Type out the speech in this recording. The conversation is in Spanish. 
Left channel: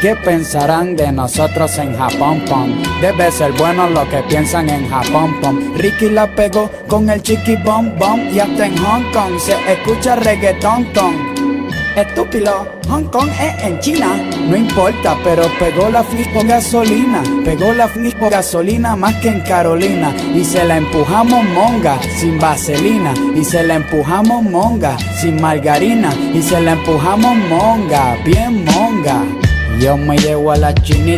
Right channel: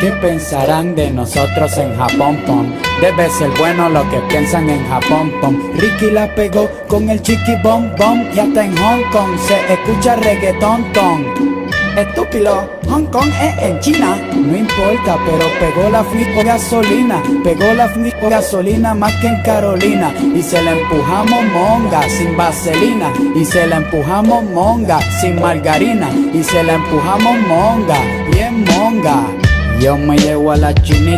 ¿Qué pensarán de nosotros en Japón, pom? Debe ser bueno lo que piensan en Japón, pom. Ricky la pegó con el chiqui bom bom y hasta en Hong Kong se escucha reggaetón con. Estúpido, Hong Kong es en China. No importa, pero pegó la flipo gasolina. Pegó la flipo gasolina más que en Carolina. Y se la empujamos monga, sin vaselina. Y se la empujamos monga, sin margarina. Y se la empujamos monga, bien monga. Yo me llevo a la chinita